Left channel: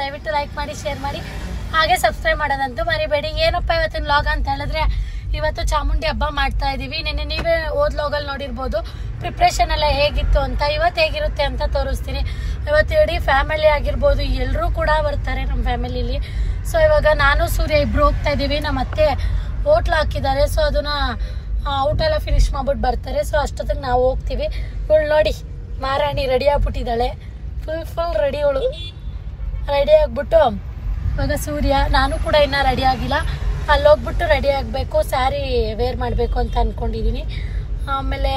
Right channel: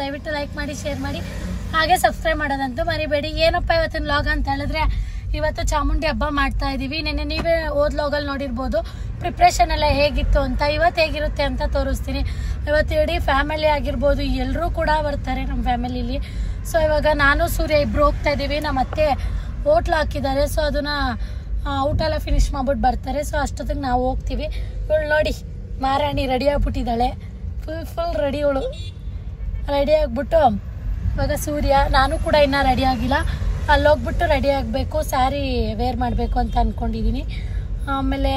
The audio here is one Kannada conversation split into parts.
ದಯವಿಟ್ಟು ಲೈಕ್ ಮಾಡಿ, ಶೇರ್ ಮಾಡಿ, ಹಾಗೆ ಸಬ್ಸ್ಕ್ರೈಬ್ ಮಾಡೋದಂತೂ ಮರಿಬೇಡಿ. ಏನಪ್ಪ ಇವತ್ತಿನ ವ್ಲಾಗ್ ಅಂತ ಹೇಳಿದ್ರೆ, ಇವತ್ತು ಚಾಮುಂಡಿ ಹಬ್ಬ ಮಾಡ್ತಾ ಇದೀವಿ. ನೆನ್ನೆ ನೀವೇ ಓದ್ ವ್ಲಾಗಲ್ಲಿ ನೋಡಿರ್ಬೋದು ಪ್ರಿಪ್ರೇಷನ್ ಎಲ್ಲ ಹೇಗಿತ್ತು ಅಂತ. ಇವತ್ತು ಹೇಗಿರುತ್ತೆ ಅಂತ ತೋರಿಸ್ತೀನಿ. ಇವತ್ತು ಇಡೀ ಫ್ಯಾಮಿಲಿ ಆಗಿರ್ಬೋದು, ಎಲ್ಲರೂ ಕೂಡ ಬರ್ತಾರೆ ನಮ್ಮ ಫ್ಯಾಮಿಲಿಲಿ. ಸೊ ಇವಾಗ ನಾನು ಸೂರ್ಯ ಇಬ್ರು ಹೋಗ್ತಾ ಇದೀವಿ. ನಮ್ಮ ಅತ್ತೆ ಹೋಟ್ಲ್ ಹಾಕಿದ್ದಾರೆ. ಸೊ ಅದನ್ನ ಊಟ ಎಲ್ಲ ಫಿನಿಶ್ ಮಾಡ್ಬಿಟ್ಟು ಬರ್ತಾರೆ. ಸೊ ಅಷ್ಟೊತ್ತಿಗೆ ನಾವು ಹೋಗ್ತೀವಿ. ಇವಳು ನೋಡಿ ಮಾರಾಣಿ ರೆಡಿ ಆಗ್ಬಿಟ್ಟಿದ್ದಾಳೆ. Full ready. ಇವಳು ರೆಡಿ ಆಗ್ಬಿಟ್ಟು ಇವಾಗ ಸೂರ್ಯ, ನಾನು ಕೂಡ ಇನ್ನೂ ರೆಡಿ ಆಗಿಲ್ಲ. ಅಲ್ಲಿ ಹೋಗ್ಬಿಟ್ಟು ರೆಡಿ ಆಗಬೇಕು, ಸ್ಯಾರಿ ವೇರ್ ಮಾಡಬೇಕು ಅಂತ ಅಂದ್ಕೊಂಡಿದ್ದೀನಿ. ಆಮೇಲೆ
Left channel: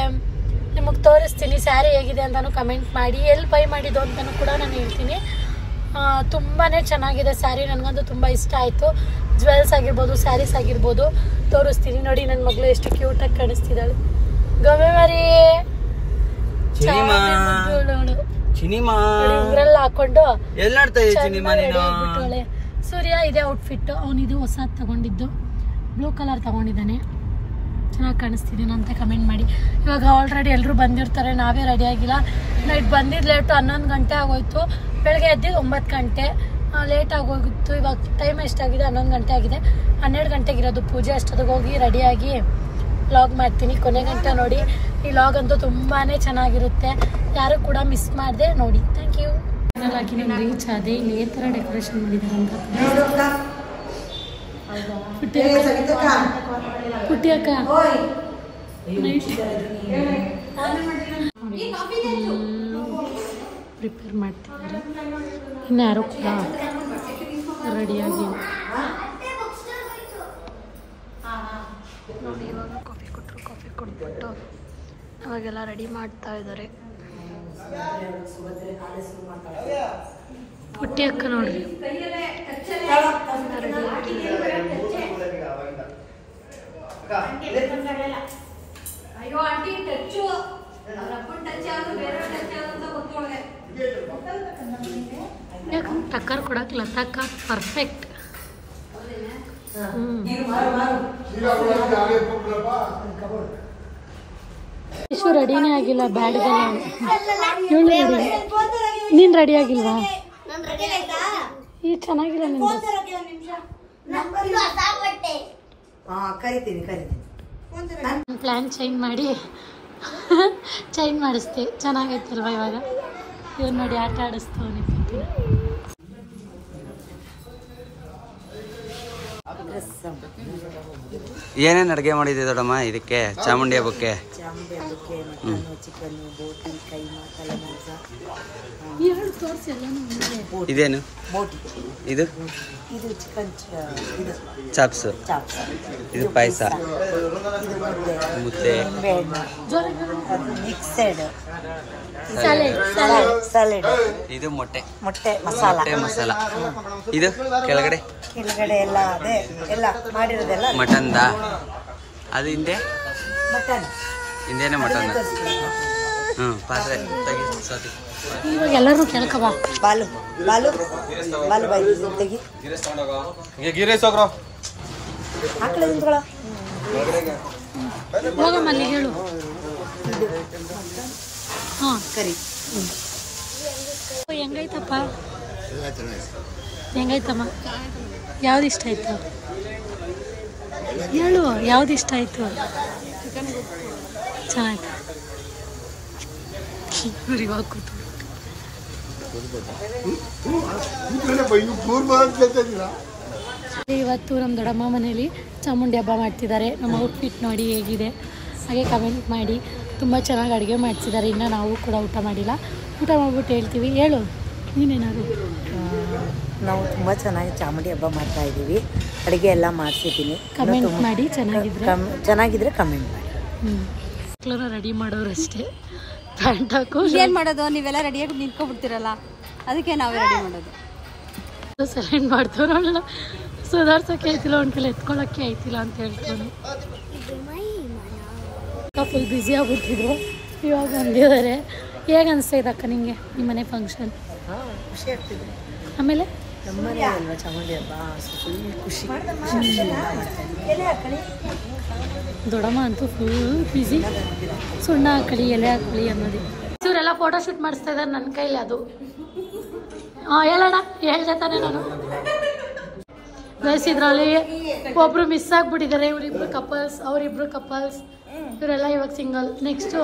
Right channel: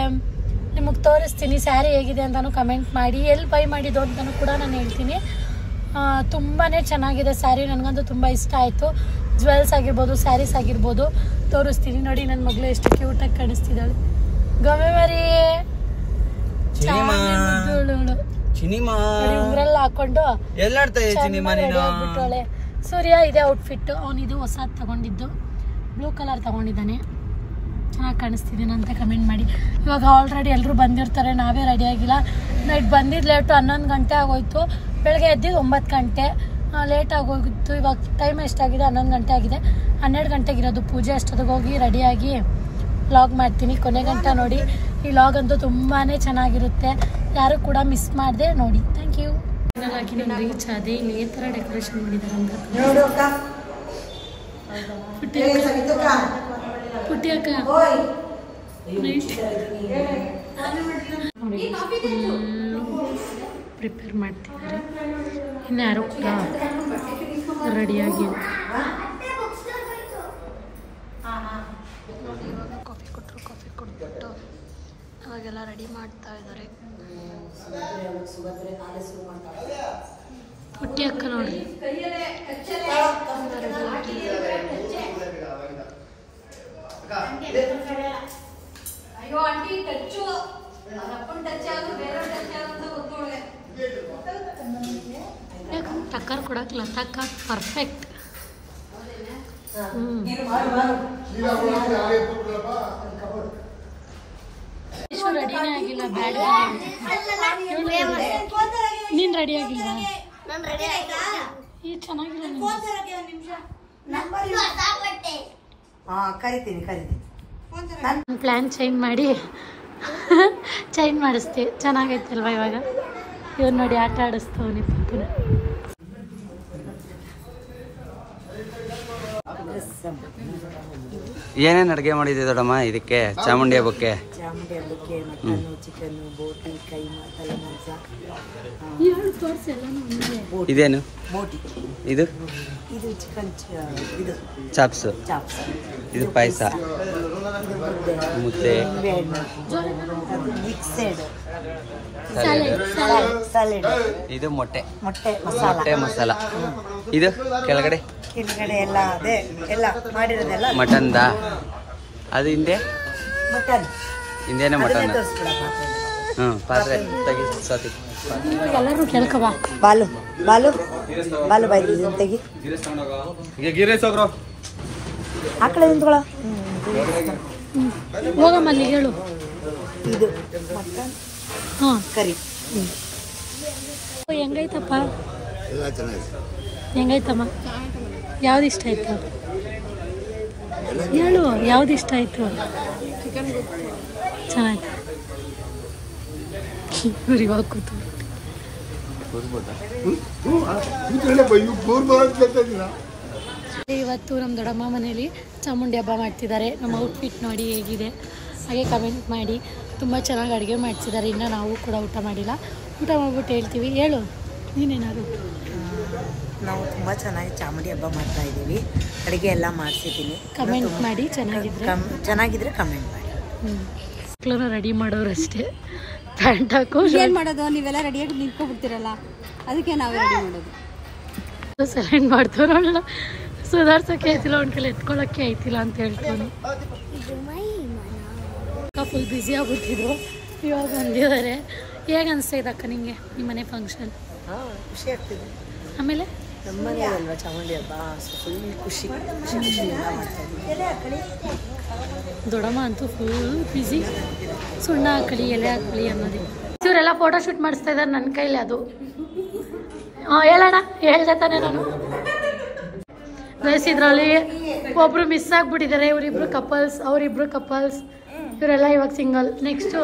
ನಿಮಗೆ ತೋರಿಸ್ತೀನಿ ಸ್ಯಾರಿ ಹೇಗಿದೆ ಅಂತಲೂ ಕಮೆಂಟ್ ಮಾಡಿ. ಎಲ್ಲಿ ಬೈ ಮಾಡಿದ್ದು ಅಂತಲೂ ಕೂಡ ನಾನು ಹೇಳ್ತೀನಿ. ತುಂಬಾ ಚೆನ್ನಾಗಿದೆ ಸ್ಯಾರಿ, ನನಗಂತೂ ತುಂಬ ಇಷ್ಟ ಆಯಿತು. ಜ್ಯುವೆಲ್ಸ್ ಆಗಿರ್ಬೋದು, ಸ್ಯಾರೀಸ್ ಆಗಿರ್ಬೋದು ತೋರಿಸ್ತೀನಿ. ನೋಡಿ ನನ್ನ ಮಗಳು ಎಷ್ಟು ಕ್ಯೂಟಾಗಿ ಕಾಣಿಸ್ತಿದ್ದಾಳೆ. ಗೋಮೆ ಮರಿ ಉಂಗ್ರೆಲ್ಲ ಹಾಕೊಂಡು ಬಿಟ್ಟವಳೆ. ಸೂರ್ಯ ಇದೆ ಔಟ್ಫಿಟ್. ಅವನಿದು ಹೊಸದು ತಗೊಂಡಿದ್ದು, ಬ್ಲೂ ಕಲರ್ ತಗೊಂಡಿದ್ದಾನೆ. ಚೆನ್ನಾಗಿ ಕಾಣಿಸ್ತಿದ್ದೀನಿ ಅಂತ ಕಮೆಂಟ್ ಮಾಡಿ. ಇವಾಗ ಆಲ್ರೆಡಿ ಎಲ್ಲರೂ ಬಂದಿರ್ತಾರೆ, ನಾವೇ ರೆಡಿ ಆಗಿಲ್ಲ. ನೈಟ್ ಬಂದಿದ್ದು ಲೇಟು, 11 ಗಂಟೆ ಆಗೋಯ್ತು. ಬೆಳಗ್ಗೆ ಎದ್ದಿದ್ದು 9 ಗಂಟೆ, ಲೇಟ್ ಆಗೋಗಿತ್ತು. ಇವಾಗ ಟೈಮ್ ಎಷ್ಟಾಗಿದೆ? 11 ಗಂಟೆ ಆಗಿದೆ. 12 ಗಂಟೆಗಿರೋದು ಪೂಜೆ. ಅಷ್ಟೊತ್ತಿಗೆ ಹೋಗಿ ರೆಡಿಯಾಗಿ ವ್ಲಾಗ್ ಮಾಡ್ತೀನಿ. ಕೊನೆ ಗಂಟೆ ನೋಡಿ. ಈ ವ್ಲಾಗ್ ಅಂತೂ ತುಂಬಾ ಚೆನ್ನಾಗಿರುತ್ತೆ. ಯಾರು ಕೂಡ ಮಿಸ್ ಮಾಡದೆ ನೋಡಿ. Thank you. ಆಗಿ ನಾನು ರೀಚ್ ಆದೆ. ಇಲ್ಲಿ ಈ ಥರ ಡೆಕೋರೇಷನ್ ಮಾಡಿದ್ದಾರೆ ಅಂತ. ಪುಟ್ಟಿ ಅಕ್ಕ ಪ್ರಿಪೇರ್ ಮಾಡ್ತಿದ್ದಾರೆ. ಇನ್ಯಾರು ಕೂಡ ರೆಡಿಯಾಗಿಲ್ಲ. ನೋಡಿ ಇವಾಗ ಕಾಫಿ ಕೊಟ್ಟರು. ಕಾಫಿ ಕೊಟ್ಬಿಟ್ಟು ಅವಾಗೆಲ್ಲ ರೆಡಿ ಮಾಡ್ತಾ ಇದ್ದಾರೆ. ಪುಟ್ಟಿ ಅಕ್ಕ ನೋಡ್ರಿ ಟಕ್ಕರ್ ಕೊಡಕ್ಲ ತಕ್ಕ ಪರ್ಫೆಕ್ಟ್. ಇಷ್ಟು ರೆಡಿನೇ ಆಗಿಲ್ಲ. ಬ್ಯಾಡ್ ನೀನ್ ರೆಡಿ ಆಗಿಲ್ವಾ? ಈ ಚೆನ್ನಾಗಿಲ್ಲ. Plan change ಮಾಡಿಸ್ತೆ. ಚೆನ್ನಾಗೈತಲ್ವಾ ಇವಾಗ? ಇವ್ರು ನೋಡಿ ಆಟ ಆಡಿಸ್ತವನಿ. ಏನೇನು ಅಡುಗೆ ಮಾಡಿದೆ ದೊಡ್ಡಮ್ಮ ಇದಕ್ಕೆ ಚಾಮುಂಡಿ ಹಬ್ಬಕ್ಕೆ? ಮಟನ್, ಚಿಕನ್, ಬೋಟಿ, ಕೈಮಾ, ತಲೆಮಾಂಸ. ಇದೇನು ಇದು? ಇದು ಚಿಕನ್, ಇದು ಚಾಪ್ಸ್, ಇದು ಪಾಯಸ, ಮುದ್ದೆ, ಮಿಕ್ಸೆಡ್ ಸ್ಯಾಲೆಡ್, ಇದು ಮೊಟ್ಟೆ ಮಸಾಲ. ಇದು ಕೆಳಗಡೆ ಎಲ್ಲ ಅದೇ ಎಲ್ಲ ಮಾಡಿರೋದೆಲ್ಲ ಮಟನ್ದ. ಅದು ಹಿಂದೇನೆ ಮಟನ್. ಪಾತ್ರೆ ತೆಗಿ. ಎಲ್ಲರೂ ಕೇಳ್ಕವ. ಬಾಲು ತೆಗಿ. ಹೋಗಮ್ಮ ಅಲ್ಲಿ ಹೇಳು. ಇದು ಮಟನ್ ಕರಿ. ಹೆಂಗೈತಪ್ಪ? ಹೆಂಗೈತಮ್ಮ? ಯಾವ್ದು ಇಷ್ಟ ಆಯ್ತು ಹೇಳು. ಯಾವ್ದು ಇಷ್ಟ ಆಯ್ತು? ಚೆನ್ನಾಗಿ ಇವಾಗ ಕೂತು ಇವತ್ತು ನಮ್ಮ ದೊಡ್ಡಮ್ಮ ಮನೇಲಿ ಚಾಮುಂಡಿ ಹಬ್ಬ ಮಾಡ್ತಿದ್ದಾರೆ. ನಮ್ಮ ಔಟ್ಫಿಟ್ ನೋಡಿ ಹೇಗಿದೆ ಹಾಗೆ ಕಮೆಂಟ್ ಮಾಡಿ. ತುಂಬ ಚೆನ್ನಾಗಿ ಅಡುಗೆ ಮಾಡ್ತಿದ್ದಾರೆ. ಇನ್ನು ನಾವು ಕೂಡ ಊಟ ಮಾಡಿಲ್ಲ. ಊಟ ಮಾಡ್ಬಿಟ್ಟು ಹೇಳ್ತೀವಿ. ಹೇಳು ನೀನೇನಾದ್ರು. ನಾವು ತುಂಬ ಚೆನ್ನಾಗಿ ಚಾಮುಂಡಿ ಹಬ್ಬ ಮಾಡ್ತಾ ಇದ್ದೀವಿ. ಅಡುಗೆ ಎಲ್ಲ ಮಾಡಿಸಿದ್ದೀನಿ. ಕಮೆಂಟ್ ಮಾಡಿ. ಚೆನ್ನಾಗಿದ್ರೆ ಕಮೆಂಟ್ ಮಾಡಿ. ಮಕ್ಕಳನ್ನ ರೆಡಿ ಮಾಡೋರು ಅಷ್ಟೇ. ಪ್ಯಾಂಟ್ ಹಾಕು. ಏನು ಮಾಡೋದು? ನೀವೆಲ್ಲ ರೆಡಿಯಾಗಿ ನಿಂತ್ಕೊಬಿಡ್ತೀರಲ್ಲ, ಅದಕ್ಕೆ ನಾವೇ ರೆಡಿ ಮಾಡೋದು. ಸೆಲೆಂಡ್ ಮಾಡ್ತಾರಲ್ಲ, ಸುಧಾರ್ಸೋಕ್ಕೆ ಆಯ್ತಿಲ್ಲ, ಒಂದ್ಸಲ ಎತ್ಕೊಳ್ಳೋಕ್ಕೆ ಆಯ್ತಿಲ್ಲ ಅಂತ ಹೇಳ್ಕೊಂಡು ಫುಲ್ ಬ್ಯುಸಿ ಆಗ್ಬಿಟ್ಟಿದ್ರು. ಇವಾಗ ಬಂದಿದ್ದಾರೆ. ಹೇಗೆ ಅನಿಸ್ತಾ ಇದೆ ಅಕ್ಕ ನಿಮಗೆ ನಿಮ್ಮ ಮನೆ ಫಂಕ್ಷನ್? ಖುಷಿ ಆಗ್ತಿದೆ. ಆಮೇಲೆ ನಮ್ಮನೆ ಅಲ್ವಾ ಚಾಮುಂಡಿ ಹಬ್ಬ, ಫುಲ್ ಖುಷಿ. ದೊಡ್ಡಮ್ಮ ಅಂತೂ ಫುಲ್ ಬ್ಯುಸಿ. ಸುಣ್ಣ ಹಾಕಳಿ, ಎಲೆ ಹಾಕಳಿ ಅನ್ನೋದು. ಇವರೆಲ್ಲ ಫೋಟೋ ಶೂಟ್ ಮಾಡಿಸ್ತಾ ಇದ್ದಾರೆ ನನ್ನ ಕೈಲಿ. ಅದು ಹೇಳೋಣ ಹೇಳ್ದೆ ತಾನೆ ನಾನು ಇದ್ರಲ್ಲಿ ಒಬ್ರು ಮಿಸ್ ಆಗ್ಬಿಟ್ಟಿದ್ದಾರೆ. ಇವರಿಬ್ರು ಕಪಲ್ಸ್, ಅವರಿಬ್ರು ಕಪಲ್ಸ್, ಇವರೆಲ್ಲ ಇವಾಗ ಸಿಂಗಲ್. ನೆಕ್ಸ್ಟು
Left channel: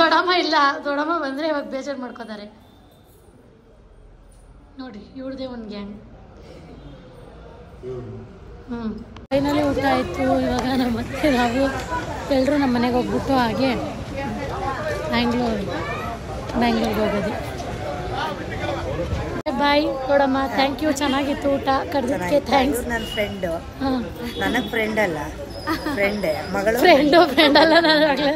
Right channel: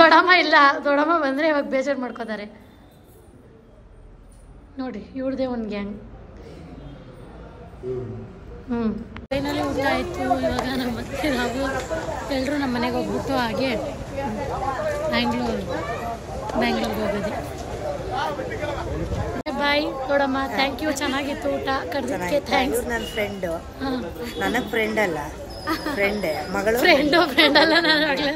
ದೊಡ್ಡಮ್ಮ ಇಲ್ಲ, ದೊಡ್ಡಮ್ಮ ಬಂದರೆ ಇವಾಗ ಬೇಜಾರು ಮಾಡ್ಕೋತಾರೆ ನೋಡಿ. ಇವ್ರದೇ ಒಂದು ಗ್ಯಾಂಗ್. ಫೈನಲಿ ಊಟ ಆಯಿತು. ಇವಾಗ ನಾವು ಮತ್ತೆ ನಾವು ಎಲ್ಲರೂ ನಮ್ಮ ಮನೆಗೆ ಹೋಗ್ಬಿಟ್ಟು ಹಾಗೆ ಬ್ಯಾಂಗ್ಳೂರ್ಗೆ ಹೋಗೋದು. ಬಾಯ್ ದೊಡ್ಡಮ್ಮ, ಥ್ಯಾಂಕ್ ಯು. ಚೆನ್ನಾಗಿತ್ತು ಊಟ, ಕರೆದಿದ್ದಕ್ಕೆ ಥ್ಯಾಂಕ್ಸ್. ನನ್ನ ಫ್ರೆಂಡು, ನನಗೆ ಫ್ರೆಂಡ್ ಅಲ್ಲ, ಫ್ರೆಂಡ್ ಮಗಳು, ಫ್ರೆಂಡ್ ಅಲ್ಲ ನಾನು ಆಗಲೇ.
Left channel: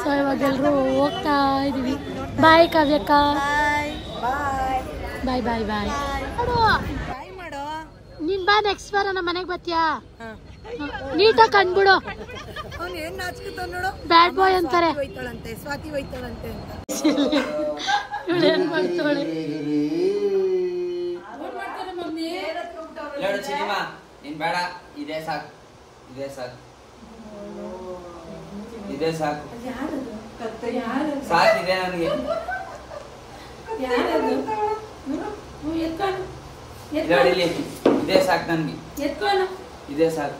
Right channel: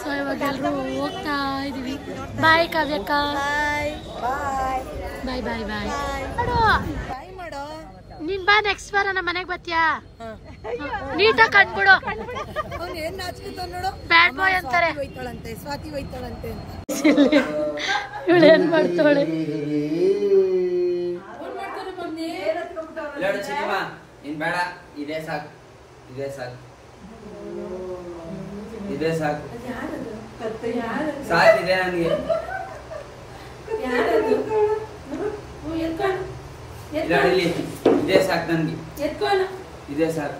ಸೊ ಇವಾಗ ಎಲ್ಲರೂ ಹೋಗ್ತಾ ಇದೀವಿ. ಬಾಯ್ ಕಾವ್ಯಕ್ಕ. ಬಾಯ್ ಬಾಯ್ ಬಾಯ್. ನೀನ್ ಬಾ, ನೆಕ್ಸ್ಟ್ ವಾರ ನಮ್ಮ ಮನೆಗೆ ಬರ್ತೀಯಾ? ನೀಟಾಗಿ ಕಂಡ್ಬಿಡು. ಬ್ಯಾಡ್ ಬಾಯ್ ಅಂತಾರೆ. ಸ್ವಾತಿ ಹೋಯ್ತಾಳಂತೆ. ಇವಳು ಏನ್ ಮಾಡ್ತಾಳೆ? ಬೇಡ, ಇದೇ ಸಾಕು, ಇದೇ ಸಾಕು, ಇದೇ ಸಾಕು, ಸಾಕಿದೆ ನನಗೆ. ಇದೇ ಸಾಕು ನನ್ಗೆ, ಇದೇ ಸಾಕು.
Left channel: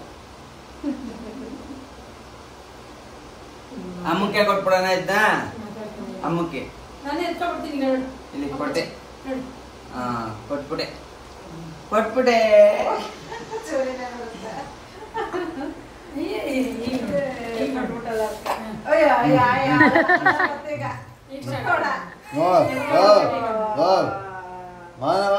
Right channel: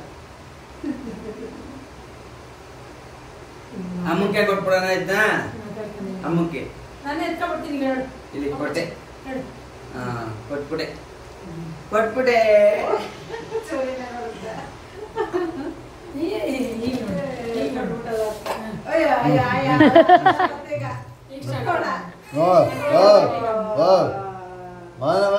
ಅಮ್ಮಕ್ಕೆ ಕೊಟ್ಬಿಡೋಣ ಇದ್ದ, ಅಮ್ಮಕ್ಕೆ ಇಲ್ಲಿ ಕೊಟ್ಟೆ. ಹಾ, ಕೊಟ್ಬಿಟ್ಟೆ ಕೊಟ್ಬಿಟ್ಟೆ. ಮಾನವ